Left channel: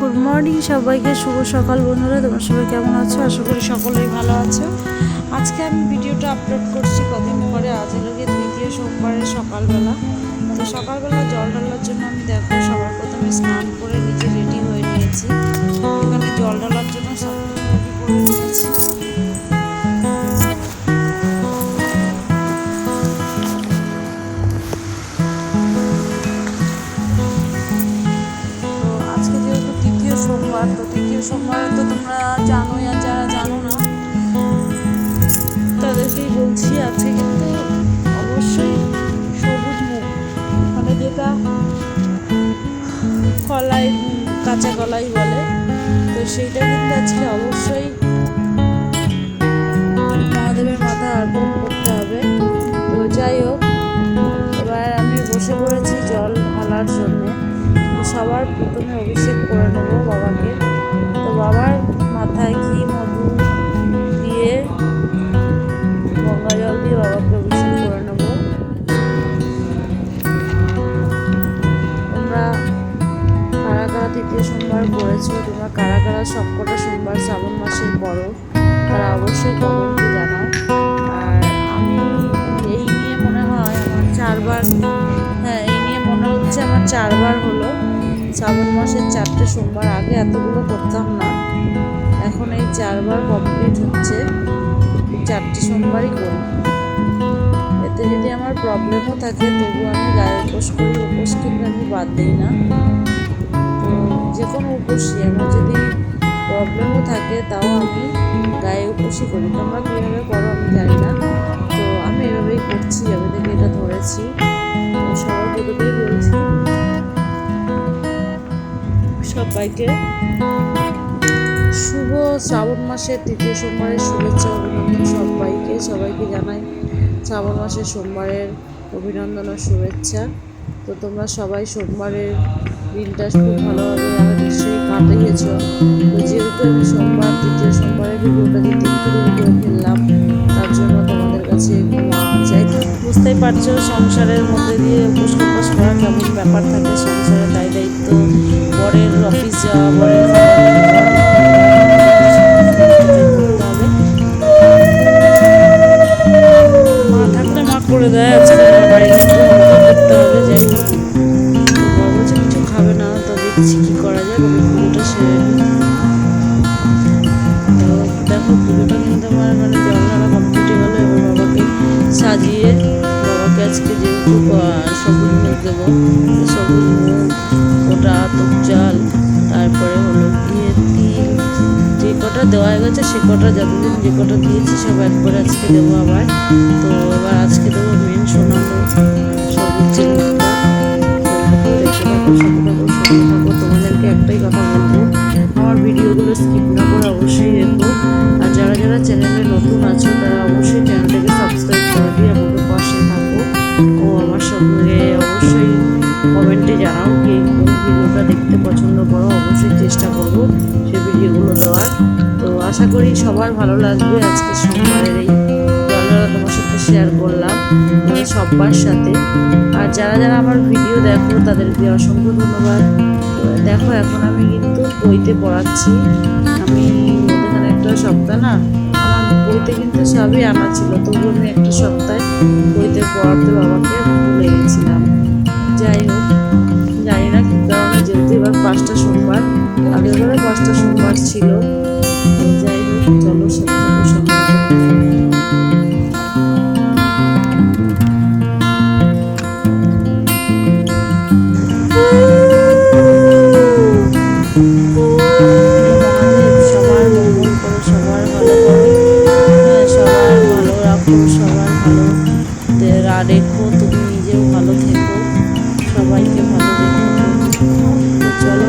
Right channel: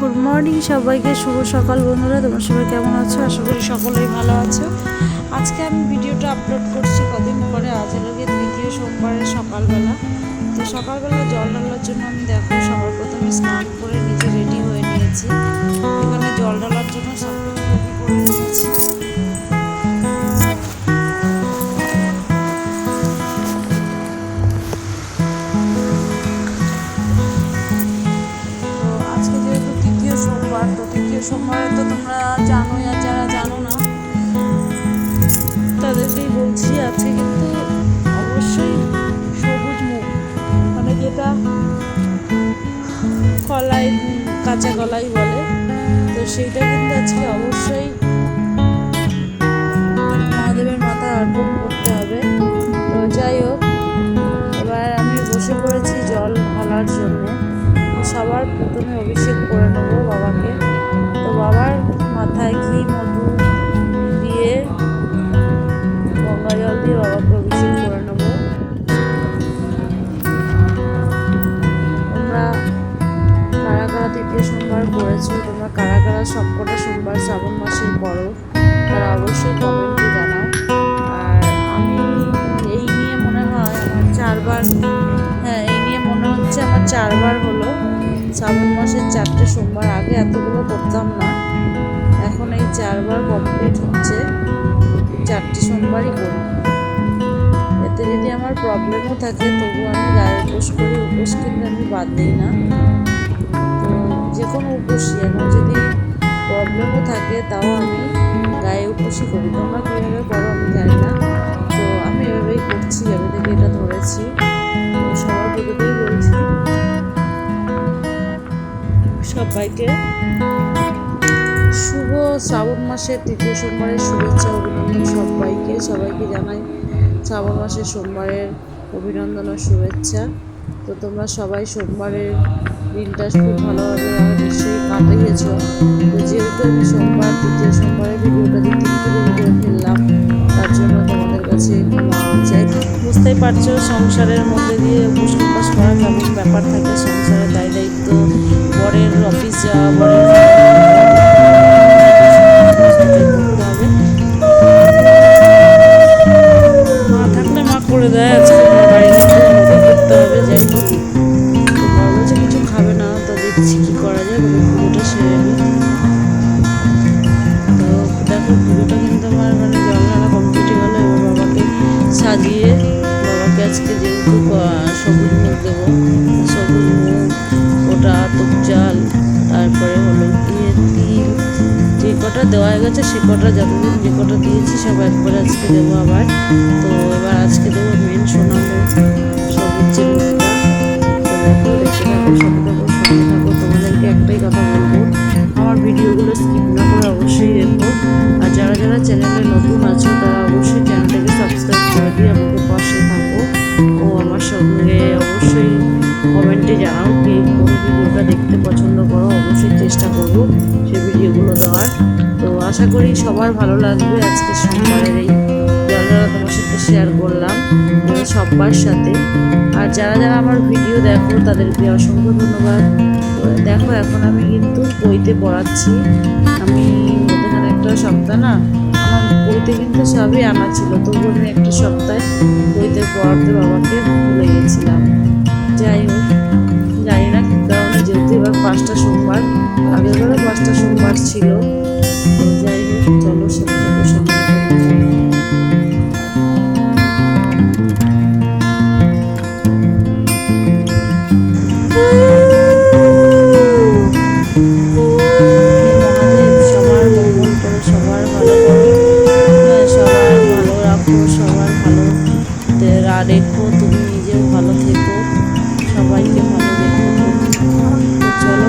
Good morning সবাইকে, শুভ সকাল বন্ধুরা। তোমরা সবাই কেমন আছো? আশা করি সকলেই ভালো আছো। আজকে আমি ভিডিওটা আপলোড করছি কদিন পরে। আজ হলো গিয়ে তৃতীয় সোমবারের সকালবেলা। তো সকালবেলা জল ঢালার জন্য আমি দেখো সবার প্রথমে স্নান করে নিজে রেডি হয়ে নিয়েছি। এখানে জল ঢালার জন্য সব কিছু রেডি করে নিয়েছি। তো আজকে যেহেতু তৃতীয় সোমবার, তো তৃতীয় সোমবারে তো তোমরা জানোই, আর যারা জানো না তাদেরকেই বলছি, আজকে কিন্তু অবশ্যই সবুজ মুখ, মানে যেটা কলাই, কাঁচা কলাই বলে, তো সেইটা কিন্তু আজকে অবশ্যই মহাদেবের মাথায় অর্পণ করতে হবে। তো যাই হোক, এবার আমি বসে পড়েছি জল ঢালার জন্যে। তো সবার প্রথমে অভিষেক করে নেবো বাবাকে। তো বাবার মাথায় ঘি মধু দিয়ে, গঙ্গা জল দিয়ে বাবাকে অভিষেক করে নেব। তোমরা কারা কারা তৃতীয় সোমবার করেছো, তোমরা কারা কারা সবকটা সোমবার শ্রাবণ মাসের করো, তারা অবশ্যই কমেন্টে জানাও। আর আমি এই নিয়ে মনে হয় আমার 4বার, এই নিয়ে মনে হচ্ছে আমার 4বার হলো শ্রাবণ মাসের 4টে সোমবার। আগে এতগুলো করতাম না, এখন এই 4বার কমপ্লিট হচ্ছে। 4টে সোমবারই করি। এতে যদি আমার প্রবলেমও থাকে তবু আমি গায়ে উপোস করি। উপোস কিন্তু আমি বাদ দিই না। তো যে কোনো উপোসই, আমার যদি প্রবলেমও থাকে তাও আমি গায়ে উপোসই করি। তোমরা কীভাবে করো আমি জানি না, তো আমি এভাবেই করছি, যবে থেকে এটা ধরেছি। তো সবার প্রথমেই বলছি সবাইকে শুভ শ্রাবণ মাসের তৃতীয় সোমবারের শুভেচ্ছা অভিনন্দন। সবাইকে জানাই শ্রাবণ মাসের সোমবারের অভিনন্দন ও শুভেচ্ছা। তো তোমরা সবাই সোমবারের দিনটা খুব ভালোভাবে নিশ্চয়ই কাটিয়েছ। তো যেহেতু আমি তৃতীয় সোমবারের ভিডিওটা দিতে একটু দেরি করে ফেললাম, তার জন্য তোমাদের কাছে ক্ষমা চাই। বুঝতেই পারছো সংসারের মধ্যে দিয়ে উপোস টপাস করা কেমন ব্যাপার থাকে। সংসারের দায়িত্ব, বরের অফিস যাওয়া, বরের করতে হবে। মা থাকলে মা করে দেয়, আজকে মা বাড়ি নিতে আমাকে করতে হবে। যাই হোক, তো বর বলছে কিছু খাবে না, তো দেখছি কী করা যায়। তবে পুজোটা সেরে নিই। তো দেখো পুজোটা কিন্তু আমার জল ঢালা কমপ্লিট হয়ে গেলো। এবার বাবাকে সাজিয়ে, বাবাকে আজকে যেহেতু সবুজ মুখ দেবো, সবুজ মুখ, ওটা আতপ চাল, তারপরে হলো গিয়ে তিল, যে কটা দেওয়া হয়ে গেছে সে কটা, যতদিন যে কটা দিয়েছি সব একবারে আজকে দেবো আবার। তো এবার আজকে দেবো মেন সোনা মুখ, সবুজ যে মুখটা। তো দেখো, দেখতে থাকো, সাথে থাকো, সঙ্গে থাকো। তোমাদেরকে একটাই কথা বলবো, আমার ভিডিওগুলো স্কিপ না করে অবশ্যই দেখো। আর যারা যারা চ্যানেলে নতুন আছো তারা অবশ্যই চ্যানেলটাকে সাবস্ক্রাইব করে দিয়ে আমাকে পাশে থাকো। ও আমার সঙ্গে অবশ্যই কমেন্টে জানাও কে কোন ভিডিওটা দেখতে পছন্দ করো। অবশ্যই চেষ্টা করব সেই ভিডিওগুলো দেওয়ার। তো আশা করি সবার ভালো লাগবে। আজকে সোমবারের এই জলঢালা তোমার সাথে শেয়ার করলাম, সবার সাথে। আর যারা যারা আমার ভিডিও দেখো তাদেরকে অসংখ্য ধন্যবাদ। তো দেখো, এখন আমি কিন্তু পইতে পড়াচ্ছি। আমি মধ্যেখানে একটা সপ্তাহ আমার পইতে কিন্তু সবই আনা ছিল, তবু আমি একটা সপ্তাহে পইতে পড়াতে বাবাকে ভুলে গেছিলাম। যাই হোক, জানি না কী কারণে, যেহেতু এবার 5টা সোমবার, আগেরবারে 5টা সোমবার ছিল। তো যাই হোক, চলো সাথে থাকো, সঙ্গে থাকো তোমরা। সবার ভালো করো, সবার ভালো রাখো, সবার ভালো রেখো, তুমি নিজেও ভালো থেকো, সবাইকে ভালো রেখো প্রভু। তো চলো,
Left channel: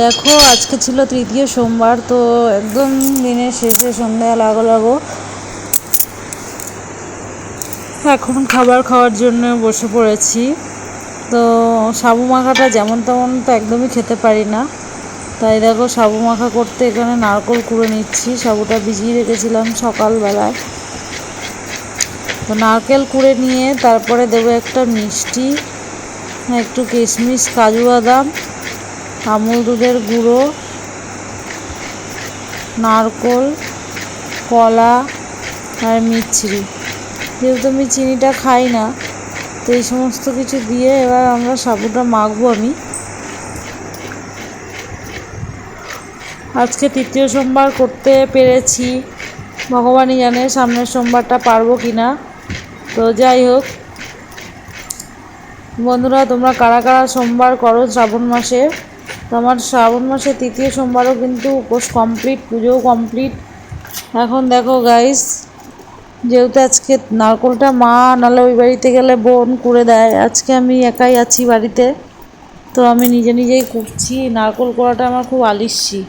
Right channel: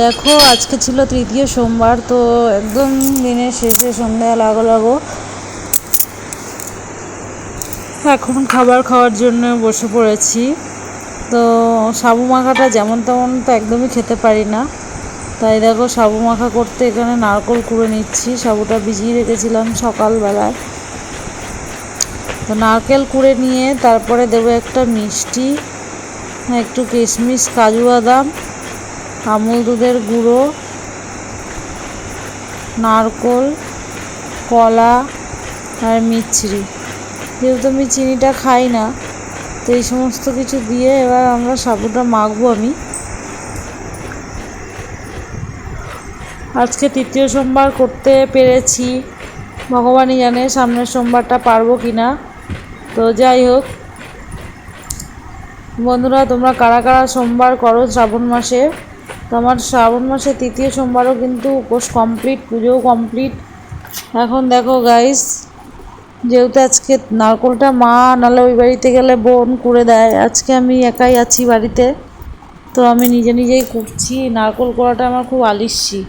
দেখো আজকে ছিল তৃতীয় সোমবার, তো একদম দিনের শেষে সন্ধ্যা লাগো লাগো এখন খাবার খাওয়ার জন্য বসে পড়েছি। তো সাবু মাখাটা যেমন তেমন তো একদমই খেতে পারি না, তাই দেখো সাবু মাখা করতে এখানে নারকেল কুড়ে নিচ্ছি। সাবুটা ভিজিয়ে রেখেছিলাম সকালবেলায়, তো নারকেল কুড়ে নিয়ে তারপরে দেবো একটা মিষ্টি, একটু কিশমিশ, কাজু বাদাম, আমুল দুধের গুঁড়ো, নারকেল, কলা আর মিছরি। যেহেতু আমি চিনিটা খাই না, তো এই সমস্ত কিছু দিয়ে এবার আমরা সাবুটা মাখবো। আমি আজকে তৃতীয় সোমবার করতে পেরেছি, ভগবানই জানে সামনের সোমবারটা পারবো কি না। তো যাই হোক বন্ধুরা, তোমরা কারা কারা সোমবার করো শ্রাবণ মাসে? তো আমার শ্রাবণ মাসে তৃতীয় সোমবারও কিন্তু উপোস কমপ্লিট, পুজোও কমপ্লিট। এখন দেখো গাইস, যেহেতু আজকে নারকেলটা মা নাহলে ওই বাড়িতে গেলে বোন করে দেয়, আজকে আমি একাই আছি বাড়িতে, তো আমি নিজে নিজেই করছি। নারকেল কোড়াটা আমার খুব আলিস্যি,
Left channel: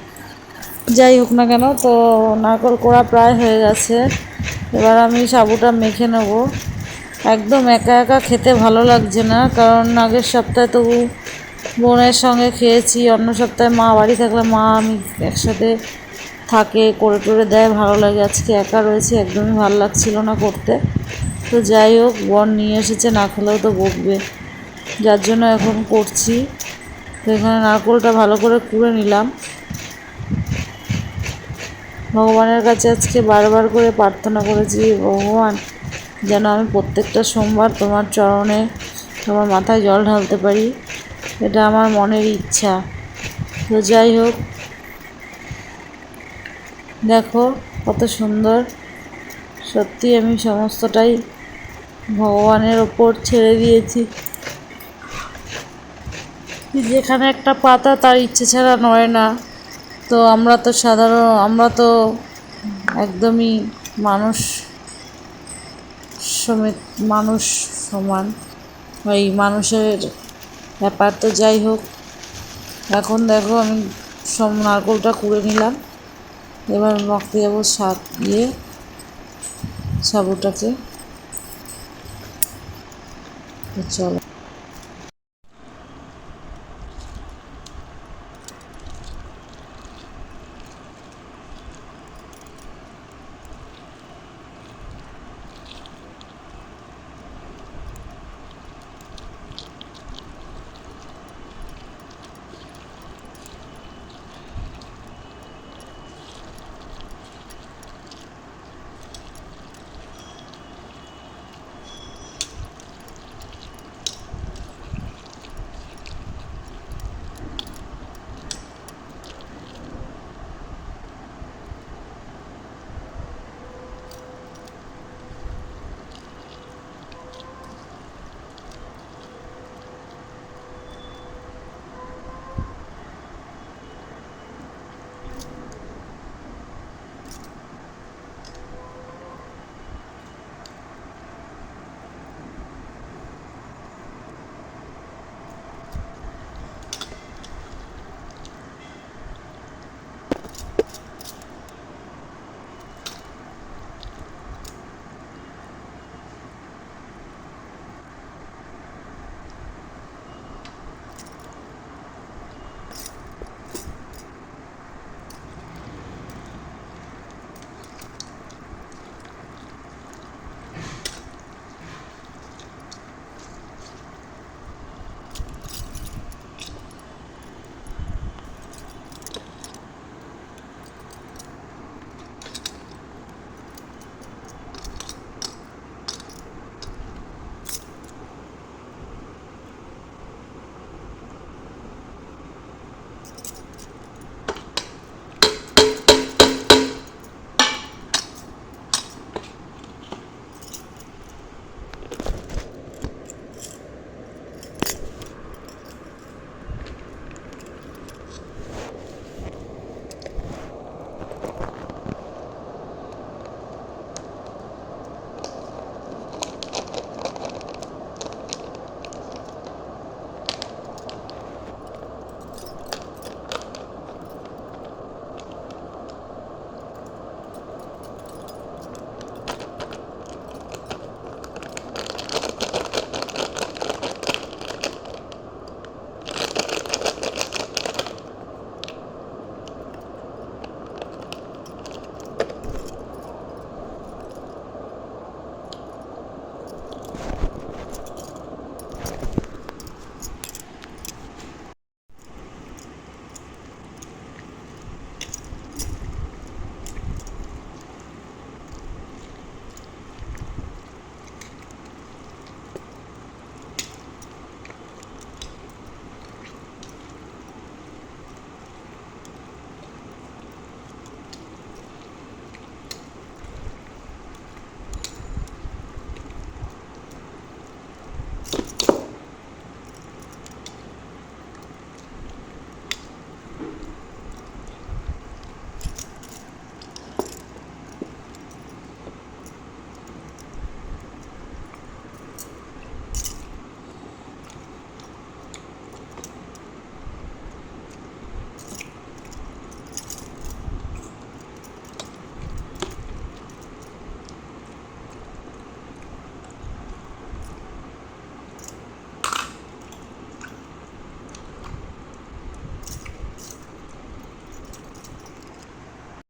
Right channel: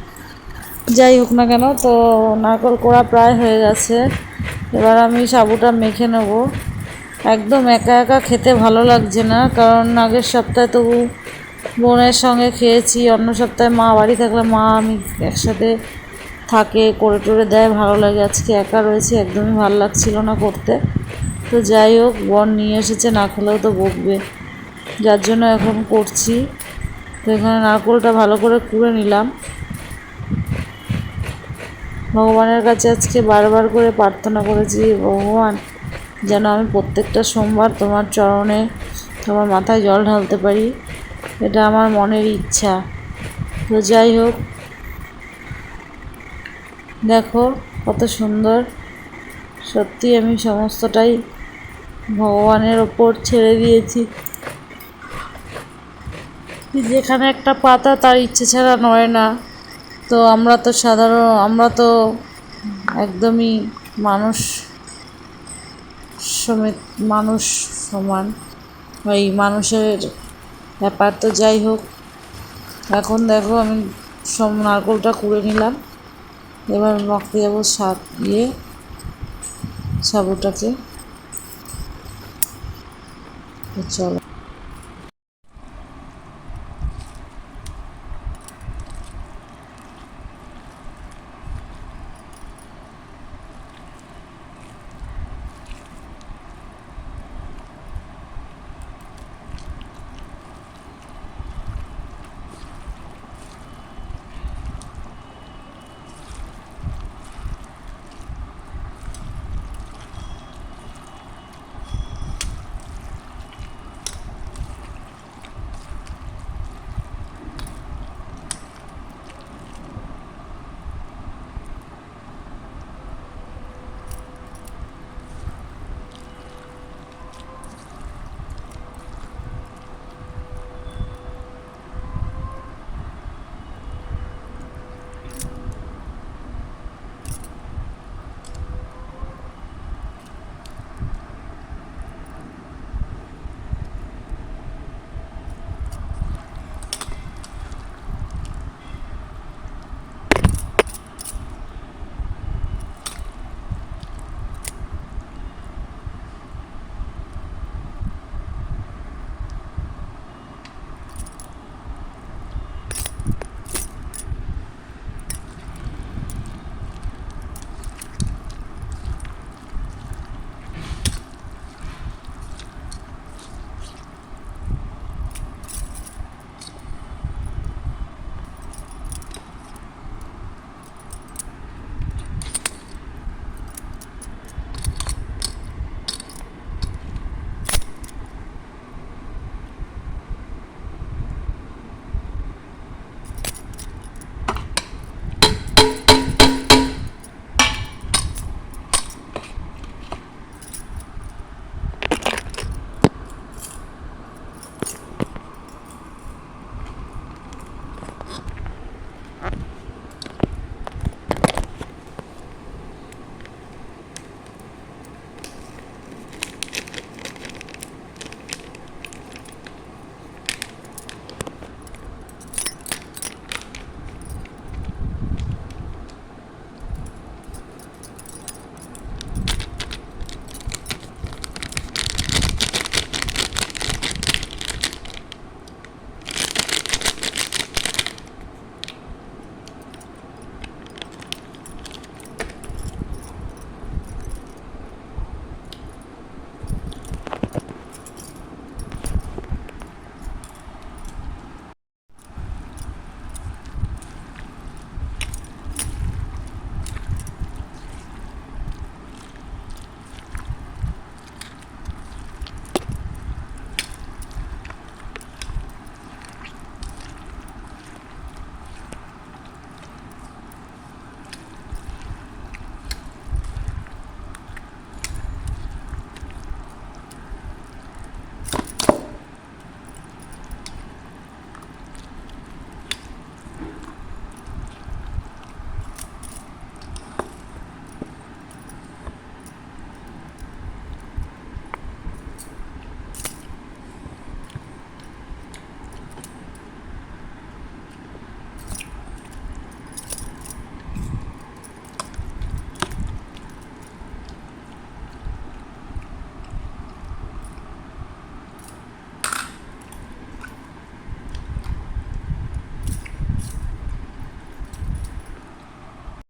যাই হোক না কেন। তো নারকেল কোড়া প্রায় হয়ে গেছে, এবার আমি সাবুটা মেখে নেব। একদম একা একা খেতে ভালো লাগছে না, কারণ আগের সপ্তাহে তো বোনের সঙ্গে খেয়েছি, অন্য সপ্তাহে মা বাড়ি থাকলে মা আমি একসাথে থাকে, করে টোরে দেয়, ভালো লাগে। আজকে একা রয়েছে, একদমই ভালো লাগছিল না করতে। তো যাই হোক, বোন নিয়ে এসেছে, না খেলেও তো বকবে, যার জন্য এখন করছি। তো এখানে নারকেলটা ভালো করে কুড়ে নিলাম। ভগবানের কাছে আজকে বারবার করে প্রার্থনা করেছি, ভগবান যেন আমি প্রত্যেকটা সোমবার তোমার চরণে, তোমার মাথায় জল ঢালতে পারি, এটা আমার মনের ইচ্ছা। তো যাই হোক, দেখো কত সুন্দর, সত্যি আমি সমস্তটাই ভগবানের ওপর ছেড়ে দিয়েছি। যেখানে একটা পাতা তার ইচ্ছে ছাড়া নয় না। তো আমরা তো একদমই মানুষ সমেত, মানুষ সমান, ওই মানুষের ব্যাপার। তো যাই হোক, এখন দেখো আমি সব নারকেলটা কুড়ে নিলাম, এবার মাখতে যাবো সাবুটাকে। চলো।